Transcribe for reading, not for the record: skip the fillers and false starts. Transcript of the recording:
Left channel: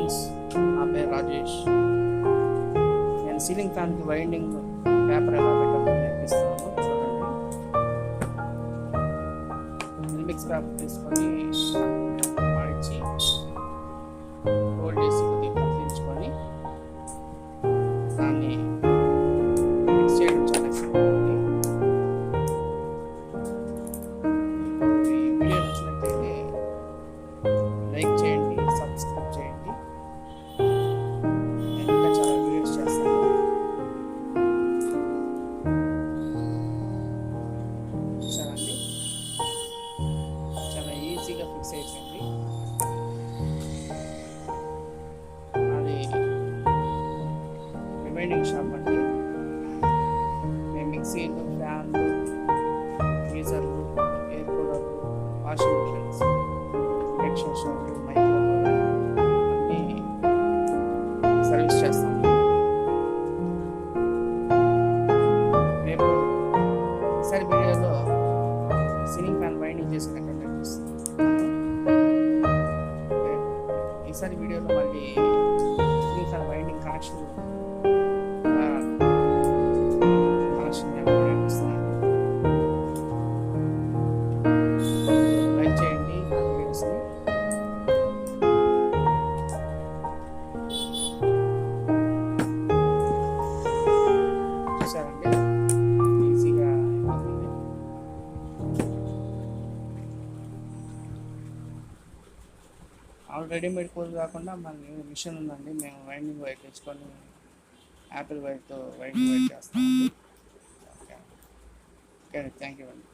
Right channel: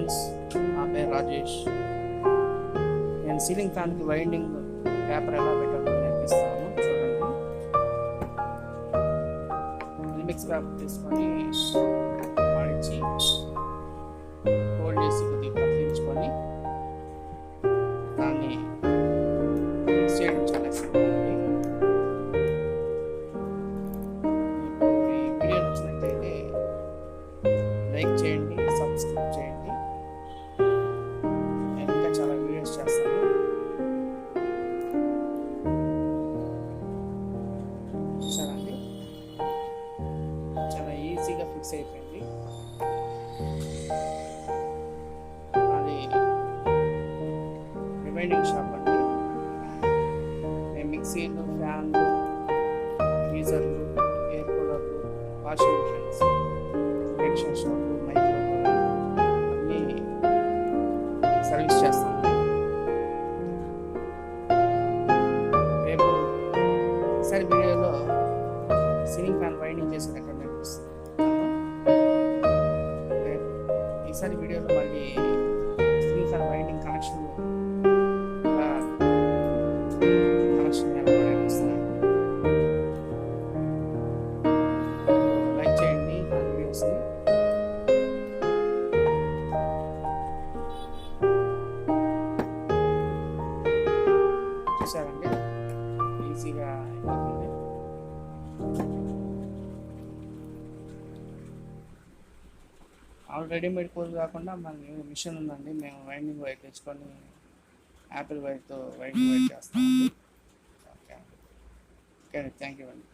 Friends, నా పేరు రాజేష్. నేను సీలింగ్ ఫ్యాన్కి వైండింగ్ పేపర్ ఎలా పెట్టాలో నేర్పిస్తాను. చూడండి, మిల్మిక్స్ పేపర్ తీసుకొని మడిచి ఫోల్డ్ చేసి కొద్దిగా కత్తిరించుకొని దాన్ని మిక్స్ చేయడం చాలా ఇష్టం ఉంది. మీకు ఈ వీడియో నచ్చినట్లయితే లైక్ చేయండి, సబ్స్క్రైబ్ చేయండి. నేను ఇంకా చాలా వీడియోస్ చేస్తాను. చూసారండి, చాలా ఈజీగా ఫిక్స్ అయిపోయింది. అది రిమైనింగ్ షాప్ అండి. మేము మిక్సీలు, ఫ్యాన్లు, గీజర్లు, ఎయిర్ కూలర్లు, వాషింగ్ మిషన్స్, ఇండక్షన్ స్టవ్లు, మైక్రోవేవ్ అన్నీ సర్వీస్ చేస్తామండి. రేపు ఈసారి వీడియోలో సీలింగ్ ఫ్యాన్ వైండింగ్ చేసి ఎక్కడ నేర్పిస్తున్నాను. రేపు ఈసారి వీడియోలో మళ్ళీ సీలింగ్ ఫ్యాన్ వైండింగ్ కనెక్షన్ నేర్పిస్తున్నాను. లైక్ చేయండి నా వీడియోస్ని. చూసారండి, ఈజీగా అయిపోతుంది. రెడీమేడ్ కోల్ కాకుండా మన మిషన్ ఉందండి. మేము వైండింగ్ వైర్ తెచ్చుకొని యాపిల్ వైర్తో వైండింగ్ వైర్ చేస్తామండి. ఓకే, థ్యాంక్ యూ అండి.